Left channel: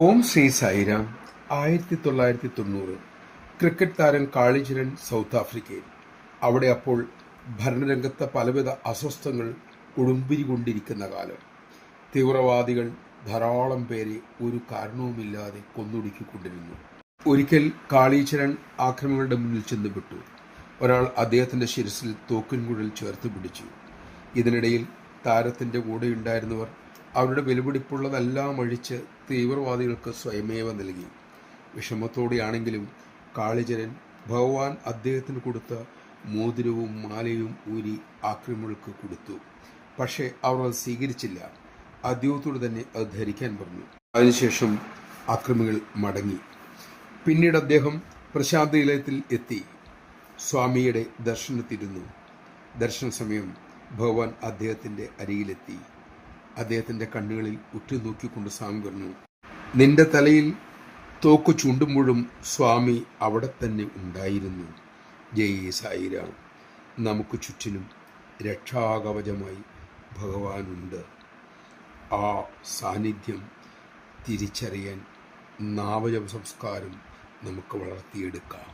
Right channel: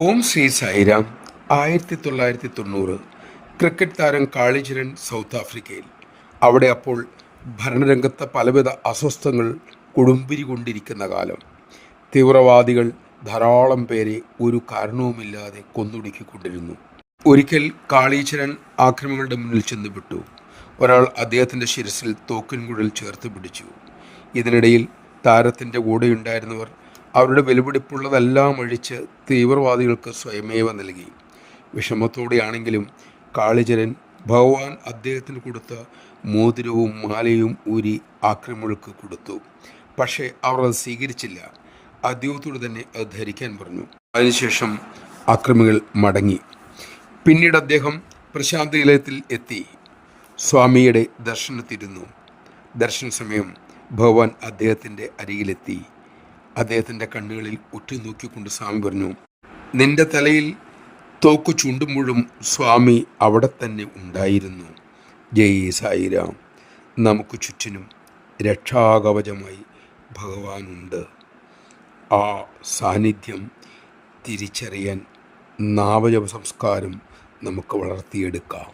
ഓം Shri Sai Ram. 1990 cricket താരം കാളിചരൺ south ആഫ്രിക്കയിൽ. അവിടെ അപ്പോൾ ഭരണരംഗത്ത് പലവിധ അസ്വസ്ഥങ്ങൾ കൊടുമ്പിരി കൊണ്ടിരിക്കുന്ന കാലം. തീവ്രവാദികൾ ധാരാളം പേരെ ഒരു കാരണവുമില്ലാതെ കൊന്നൊടുക്കിക്കൊണ്ടിരുന്നു. ഒരിക്കൽ കാളീചരൺ ആക്രമികളുടെ മുന്നിൽ ചെന്ന് വിട്ടു. ഒരാൾ അദ്ദേഹത്തിൻ്റെ ശിരസിൽ തോക്കിൻകുഴൽ ചേർത്ത് പിടിച്ചു. ഇതിനിടയിൽ താരത്തിൻ്റെ കൂടെയുണ്ടായിരുന്നവർ അവരുടെ വിലപിടിപ്പുള്ളതെല്ലാം അഴിച്ച് തീവ്രവാദികൾക്ക് സ്വയമേവ നൽകി. വിഷമത്തോടെയാണെങ്കിലും കാളിചരൺ ഭഗവാൻ അദ്ദേഹത്തിന് കൊടുത്ത മോതിരവും മാലയും ഊരി ആക്രമികൾക്ക് കൊടുത്തു. പക്ഷേ അവർ അത് സ്വീകരിച്ചില്ല. അദ്ദേഹത്തോട് തന്നെ അത് ധരിക്കാൻ പറഞ്ഞു. അതിനുശേഷം ആക്രമികൾ മടങ്ങി. പിന്നീട് അദ്ദേഹം പ്രശാന്തി നിലയത്തിൽ എത്തി സ്വാമിയുടെ ദർശനത്തിരുന്നു. ദർശന സമയം ഭഗവാൻ അദ്ദേഹത്തിൻ്റെ അരികിലെത്തി. അദ്ദേഹത്തിൻ്റെ കണ്ണുകളിൽ ഉറ്റുനോക്കിക്കൊണ്ട് സ്വാമി പറഞ്ഞു, നിന്റെ തലയിൽ തോക്ക് ചൂണ്ടുമ്പോഴും സ്വാമി അവിടെ തന്നെ ഉണ്ടായിരുന്നു. ജയ് സായിരാം. നമുക്ക് ചുറ്റിനും രക്ഷാകവചമായി ഭഗവാനുണ്ട്. ആ സാന്നിധ്യം തിരിച്ചറിയാൻ നാമജപ സംസ്കാരം നമുക്ക് വളർത്തിയെടുക്കാം.